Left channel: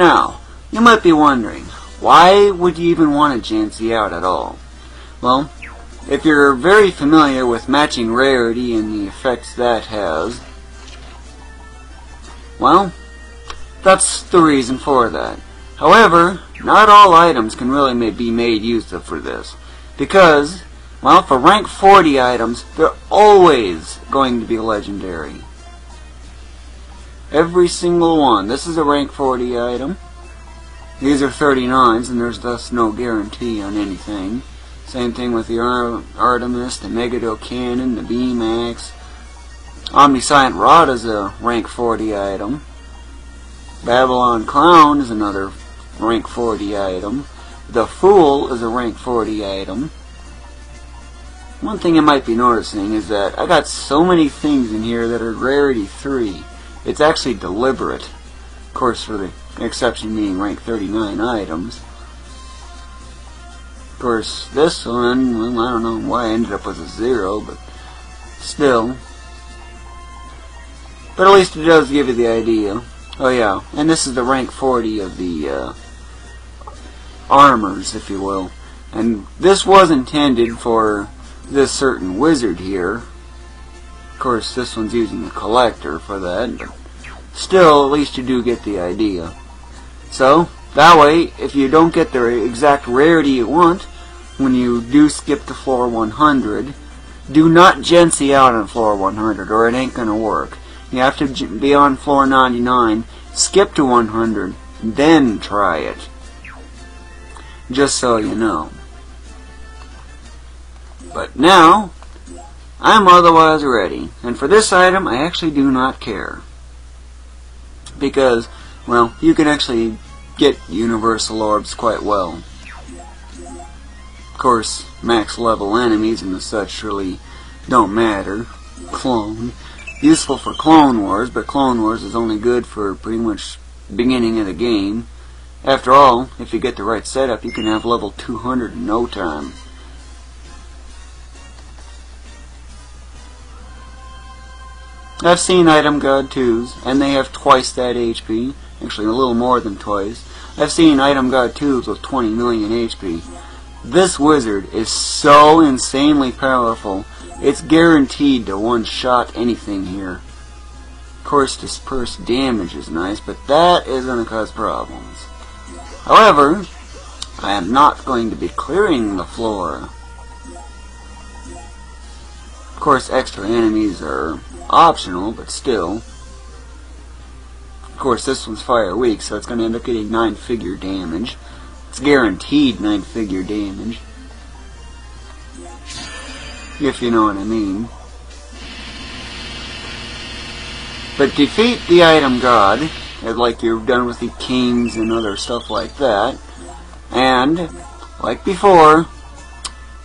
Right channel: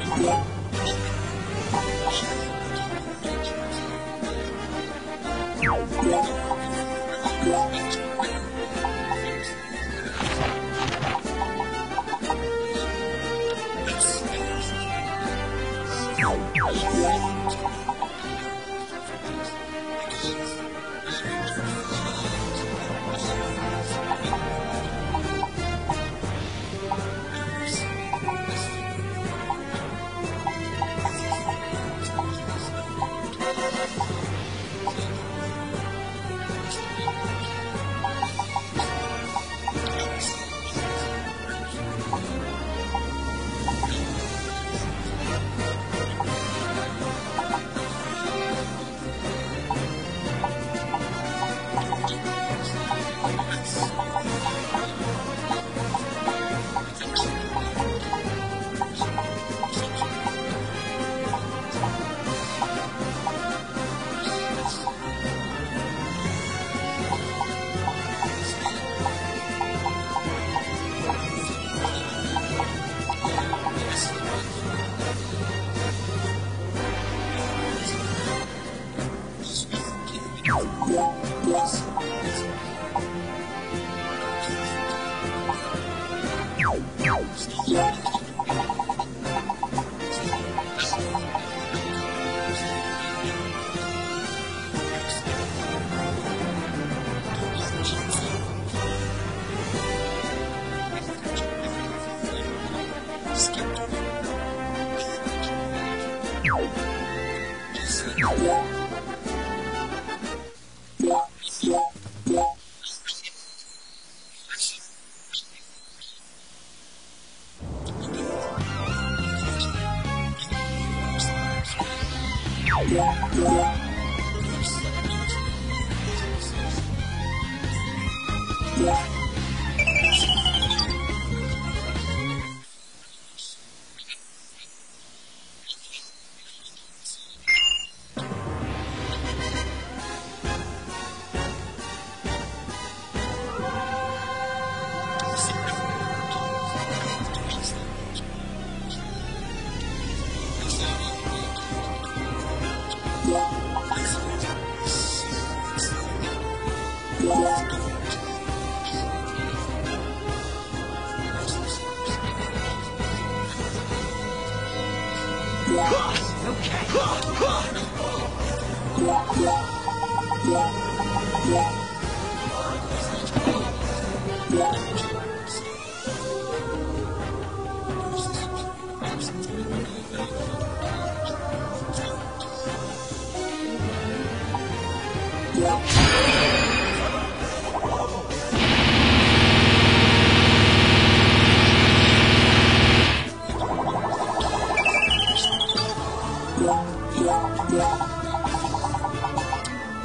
Now, you might be wondering, why would you even want to Jancy out at all? Well, if you're very familiar with matching rarity and the effects that has, well, that's the reason for that. However, not all items can really be made use of for this, because, well, for rank 40 items, they're always going to be legendary. Every single one. This is a rank 40 item. These are 39s, and there's thus no guarantee on anything. Same thing with the Artemis, the Megiddo Cannon, the B-Max. Omniscient Rod is a rank 40 item. Babylon Clown is another rank 40 item. The Fool is a rank 40 item. One thing you might be noticing is that I got so many things in here that are rarity 3. It's actually deliberate. Of course, for the exception being rank 39 items. Of course, this one, well, I don't know why I ended up with a 0, but still. But at least it does give you the idea. Oh yeah, and this is the rank 40 of the armors, if you will. And this was intended for this certain wizard here. Of course, this one's using the collector for that. Still, at least you do get the idea. So, that way, if you don't get the exact rarity you want, when you do skip to floor 100, do not Jancy out on floor 100 or it ain't gonna work. You have to be on floor 99, skip to 100, then try it. Just so you know. But now, I'm otherwise ready, and for this item I actually do not care. Because, well, you can actually get universal orbs quite well. Of course, max level enemies and such really don't matter. Clone. Useful for Clone Wars, but Clone Wars is only good for pretty much beginning of the game. After all, if you get the right setup, you can have level 200 in no time. I've seen Item God 2s, and they have twice that HP. Actually, a little more than twice. I've seen Item God 2s with 20 million HP. This wizard is so insanely powerful, it's guaranteed to one-shot anything here. Of course, dispersed damage is nice, but that is going to cause problems. However, I am not going to be clearing the floor. Of course, extra enemies are optional, but still. Of course, this one's fire weak, so it's going to end up getting 9-figure damage. It's guaranteed 9-figure damage. If you know what I mean. But defeat the item god, like you've done with the kings and other stuff like that. And, like before,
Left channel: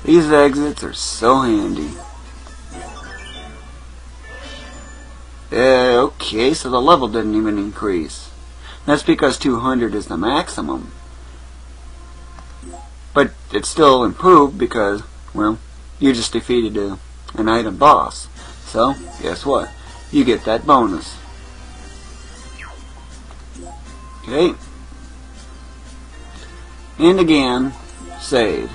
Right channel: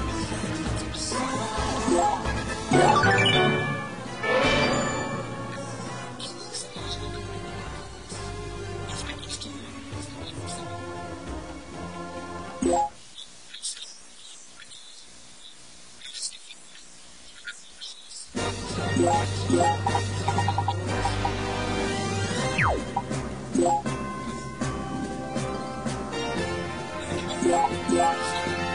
these exits are so handy. Okay, so the level didn't even increase. That's because 200 is the maximum. But it's still improved because, well, you just defeated an item boss. So, guess what? You get that bonus. Okay. And again, save.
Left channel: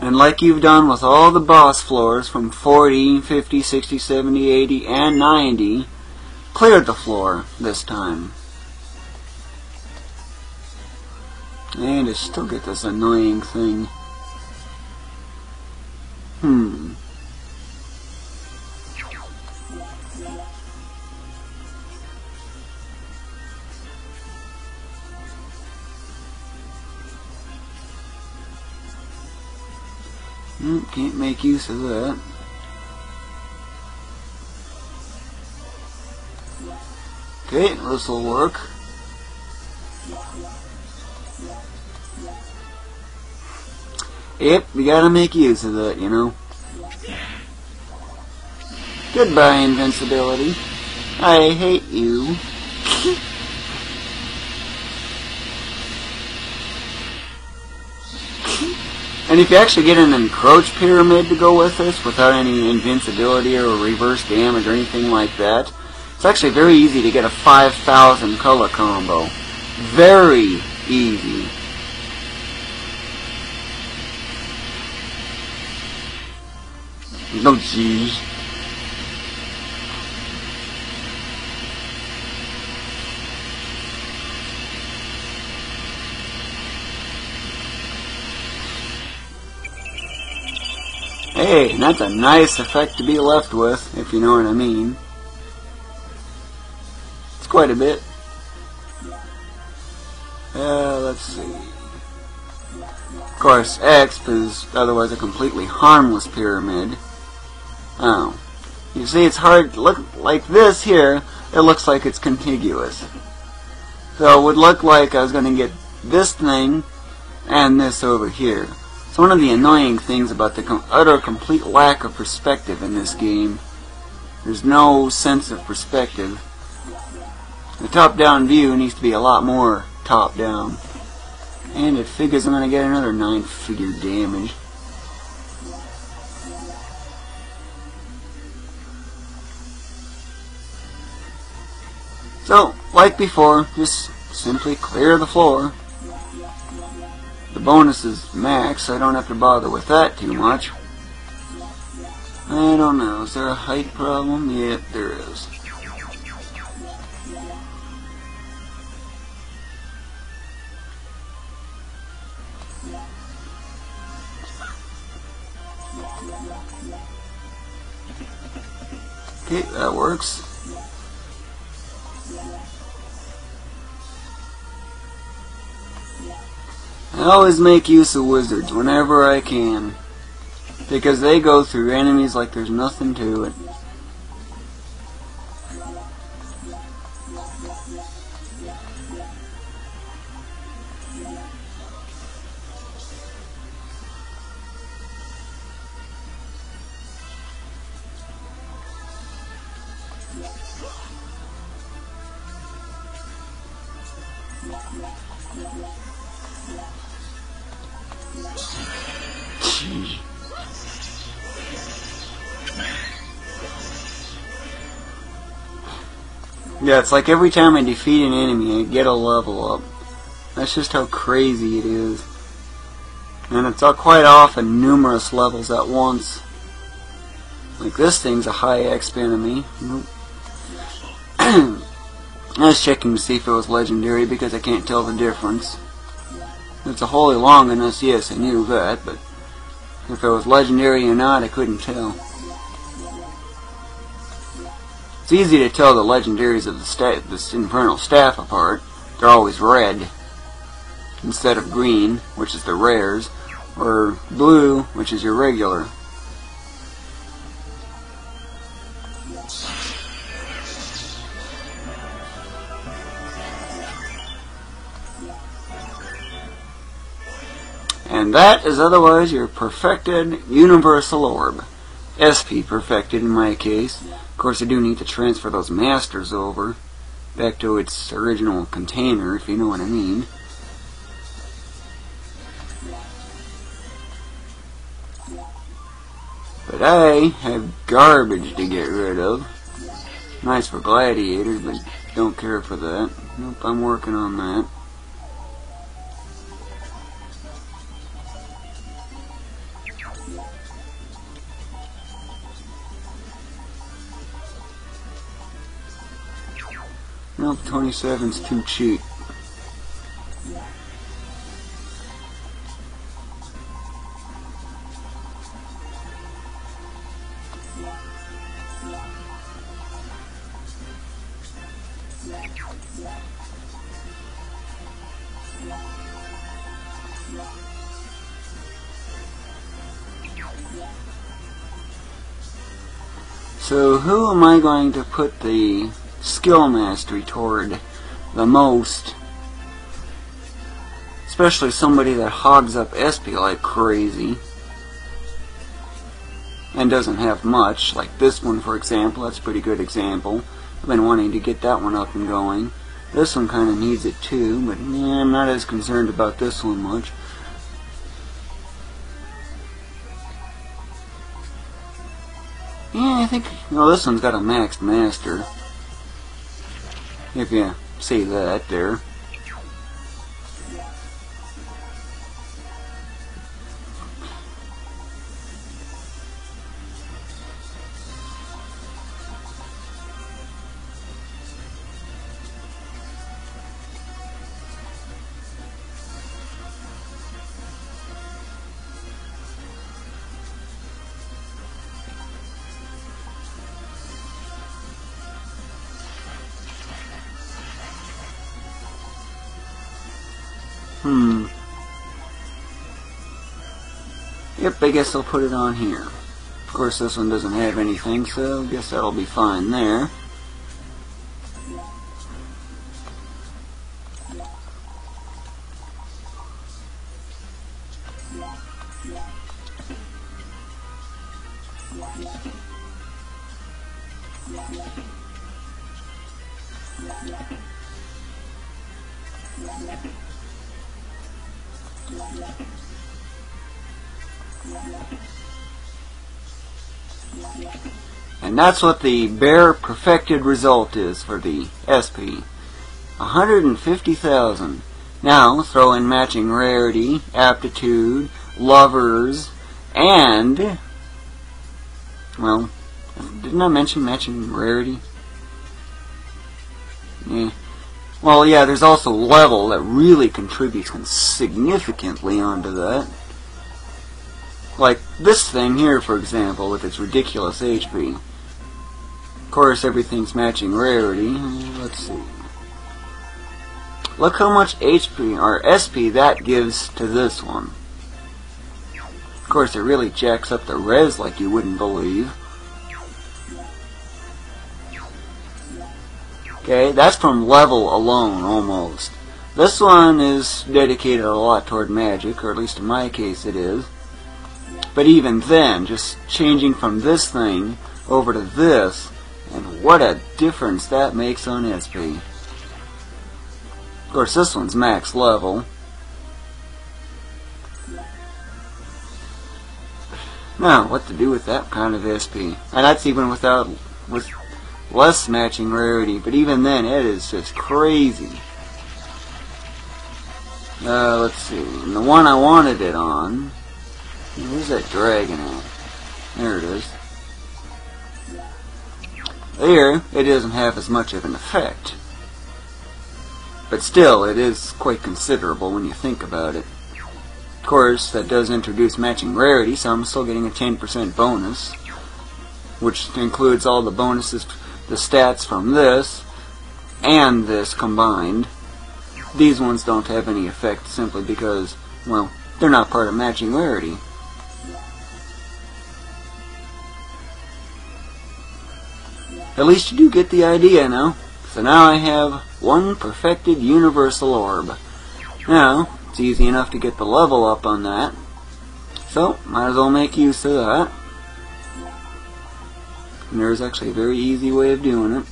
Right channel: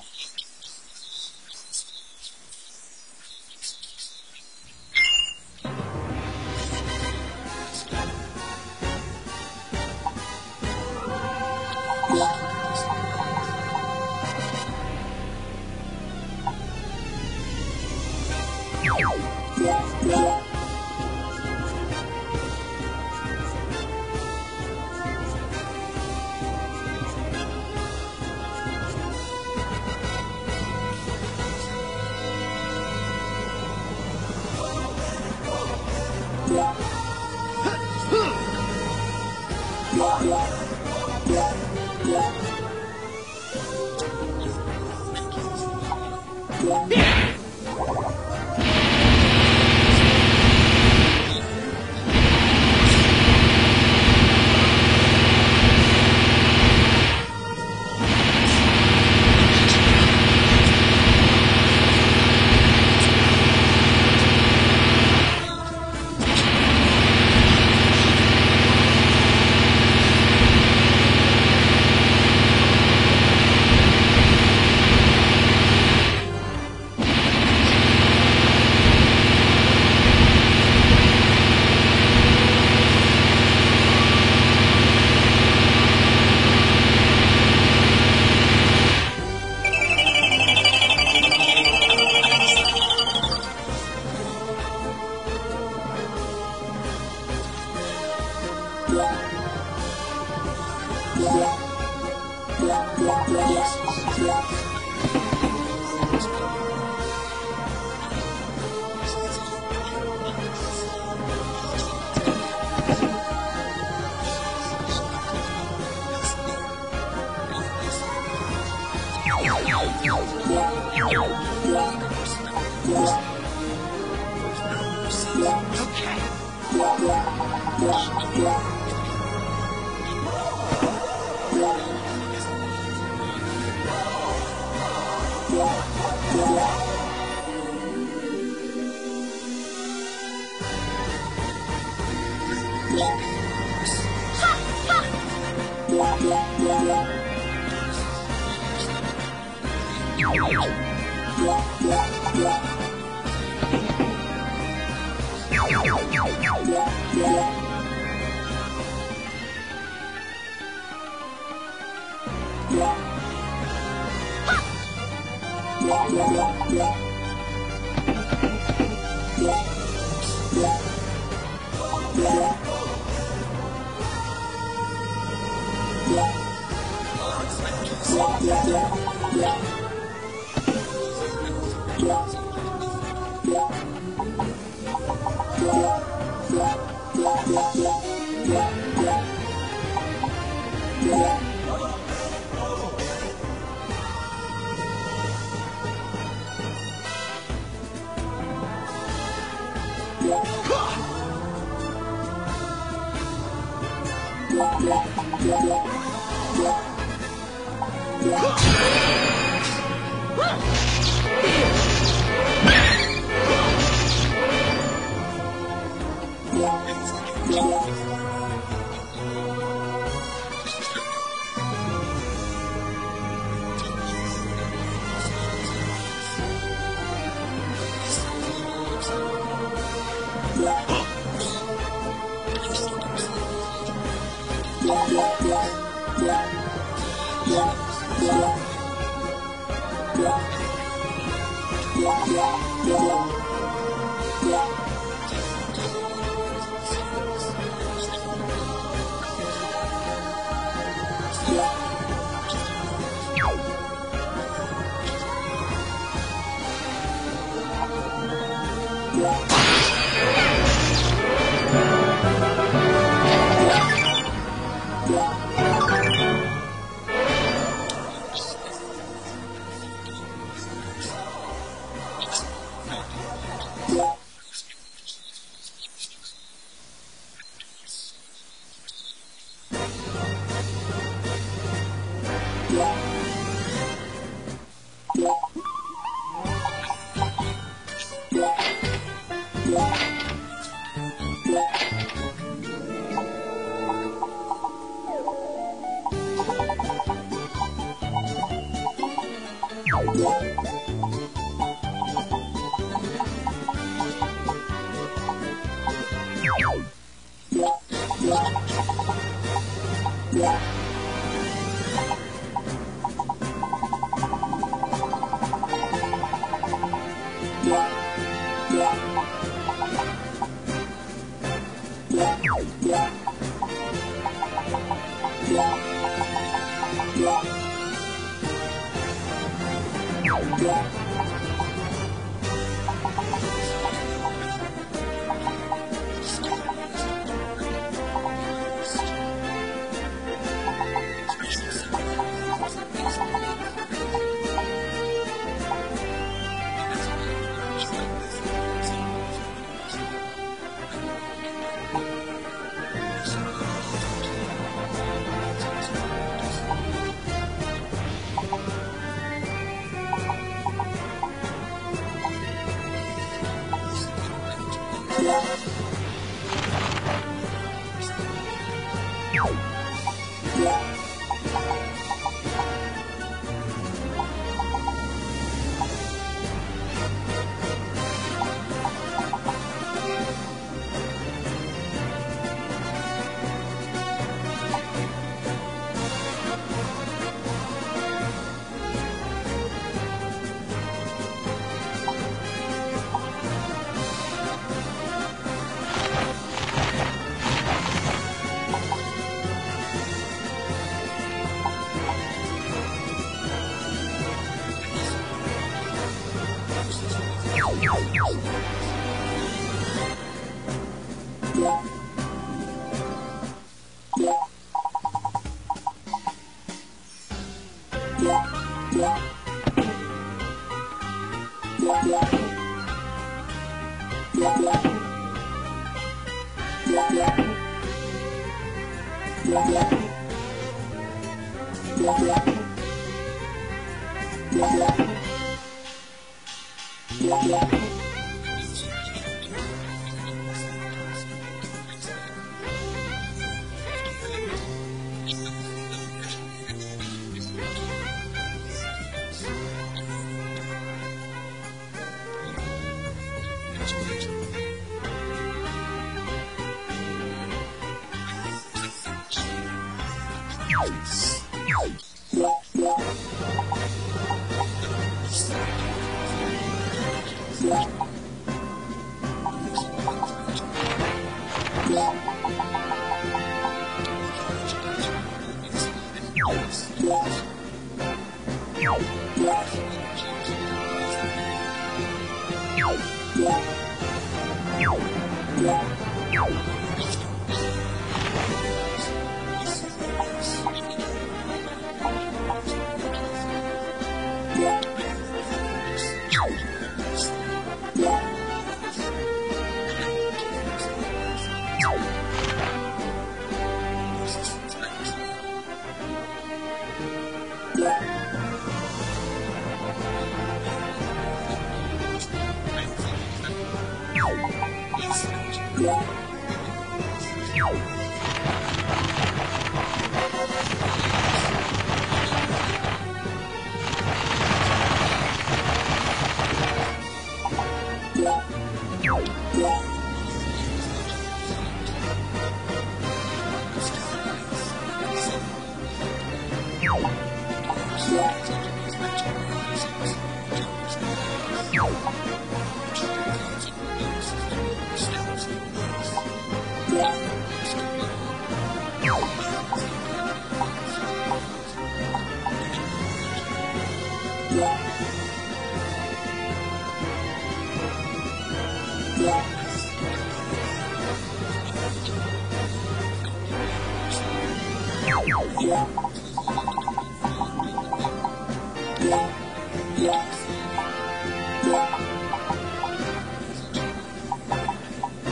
And like you've done with all the boss floors from 40, 50, 60, 70, 80, and 90, clear the floor this time. And I still get this annoying thing. Can't make use of that. Okay, this will work. Yep, you gotta make use of that, you know. Goodbye, invincibility. I hate you. And if you actually get an encroach pyramid to go with this without any invincibility or reverse damage or anything like that, it's actually very easy to get a 5,000 color combo. Very easy. No cheese. Hey, that's a nice effect to be left with, if you know what I mean. It's quite a bit. Let's see. Of course, X is otherwise a completely harmless pyramid. Oh. You see, it's hard to look like this here. It looks like it's contiguous. So it would look like I was going to get this thing and this over here. It's one of the annoying things about the utter complete lack of perspective in this game. There's no sense of perspective. The top-down view needs to be a lot more top-down. And it figures I'm going to get another 9-figure damage. So, like before, just simply clear the floor. The bonus is max, so I don't have to bother with that too much. I don't know, is there a height problem? Yeah, there is. Okay, that works. I always make use of wizards whenever I can, because they go through enemies like there's nothing to it. Yeah, it's like every time I defeat an enemy, I get a level up. That's just how crazy it is. And it's quite often numerous levels at once. Like this thing's a high XP enemy. I was checking to see if it was legendary because I can't tell the difference. It's a Holy Longinus, yes, I knew that, but if it was legendary or not, I couldn't tell. It's easy to tell the legendaries of the Infernal Staff apart. They're always red, instead of green, which is the rares, or blue, which is your regular. And that is otherwise your perfected Universal Orb. SP perfected in my case. Of course, I do need to transfer those masters over back to its original container, if you know what I mean. But I have garbage to get rid of. Nice for gladiators, but don't care for that. Nope, I'm working on that. Nope, 27's too cheap. So who am I going to put the skill mastery toward the most? Especially somebody that hogs up SP like crazy. and doesn't have much, like this one for example. That's a pretty good example. I've been wanting to get that one up and going. This one kind of needs it too, but I'm not as concerned about this one much. Yeah, I think, well, this one's got a maxed master. If you see that there. Yep, I guess I'll put it on here. Of course, this one doesn't have anything, so I guess that'll be fine there. And that's what the bare perfected result is for the SP. 150,000. Now throw in matching rarity, aptitude, lovers, and, well, didn't I mention matching rarity? Yeah. Well, yeah, there's also level that really contributes significantly onto that. Like this thing here, for example, with its ridiculous HP. Of course, everything's matching rarity. Let's see. Look how much HP, or SP, that gives to this one. Of course, it really jacks up the res like you wouldn't believe. Okay, that's from level alone, almost. This one is dedicated a lot toward magic, or at least in my case it is. But even then, just changing from this thing over to this, what a difference that makes on SP. Of course, this one's max level. Now, what to do with that kind of SP? And that's even with less matching rarity, but even then, it is just crazy. Let's see. And the one I wanted it on, where's that dragon? There it is. There, it doesn't have as much of an effect. But still, it is quite considerable when you think about it. Of course, that does introduce matching rarity, so I'm still getting a 10% bonus, which includes all the bonuses, the stats from this, and this combined. These ones don't have any effect simply because, well, they're not part of matching rarity. At least you do get the idea now. So now I have one perfected universal orb. Now, it's easy enough to get the level up on that. So, might as well make use of that. And there's actually a very easy way of doing it.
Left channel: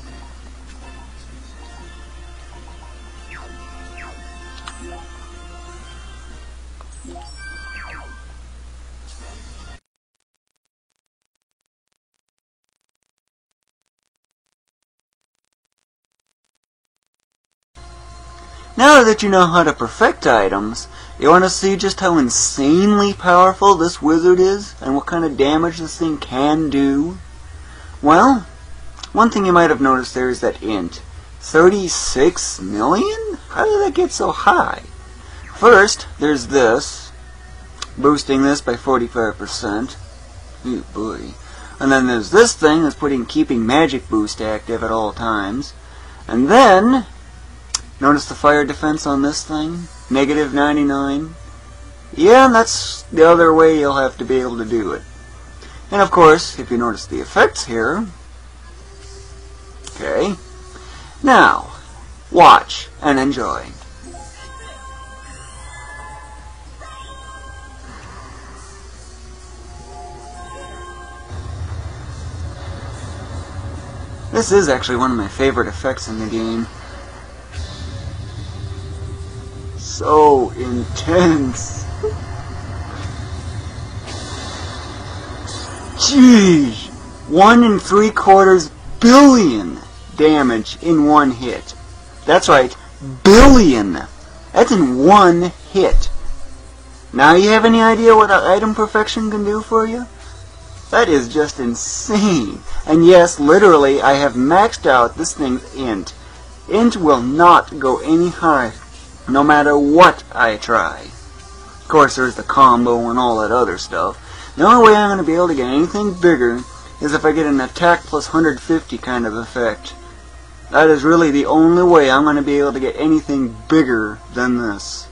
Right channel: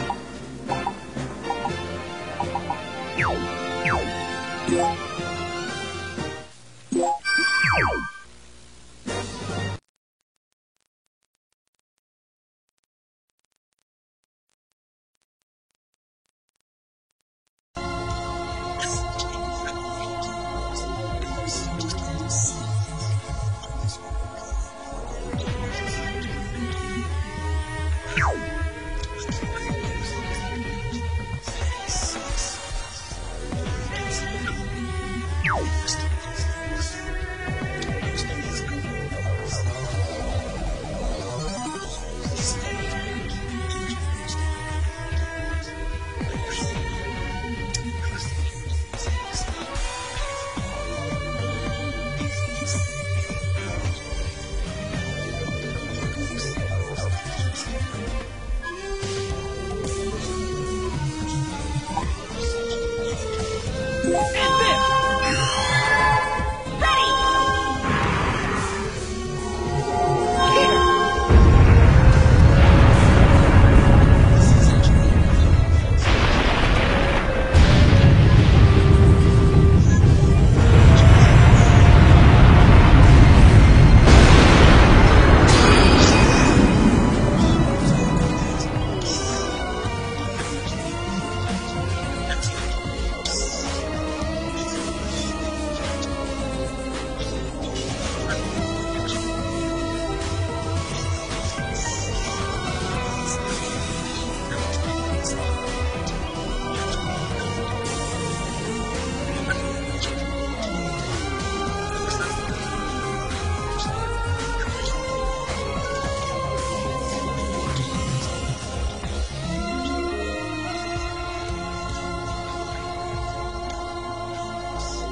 Now that you know how to perfect items, you want to see just how insanely powerful this wizard is and what kind of damage this thing can do? Well, one thing you might have noticed there is that int. 36 million? How did that get so high? First, there's this, boosting this by 45%. Oh boy. And then there's this thing that's keeping magic boost active at all times. And then, notice the fire defense on this thing? Negative 99. Yeah, and that's the other way you'll have to be able to do it. And of course, if you notice the effects here... Okay. Now, watch and enjoy. This is actually one of my favorite effects in the game. So intense. Jeez. 1 3/4 billion damage in one hit. That's right, billion. That's in one hit. Now you have any idea what item perfection can do for you? That is just insane. And yes, literally, I have maxed out this thing int. Int will not go any higher, no matter what I try. Of course, there's the combo and all that other stuff. The only way I'm going to be able to get anything bigger is if I get an attack plus 150 kind of effect. That is really the only way I'm going to be able to get anything bigger than this.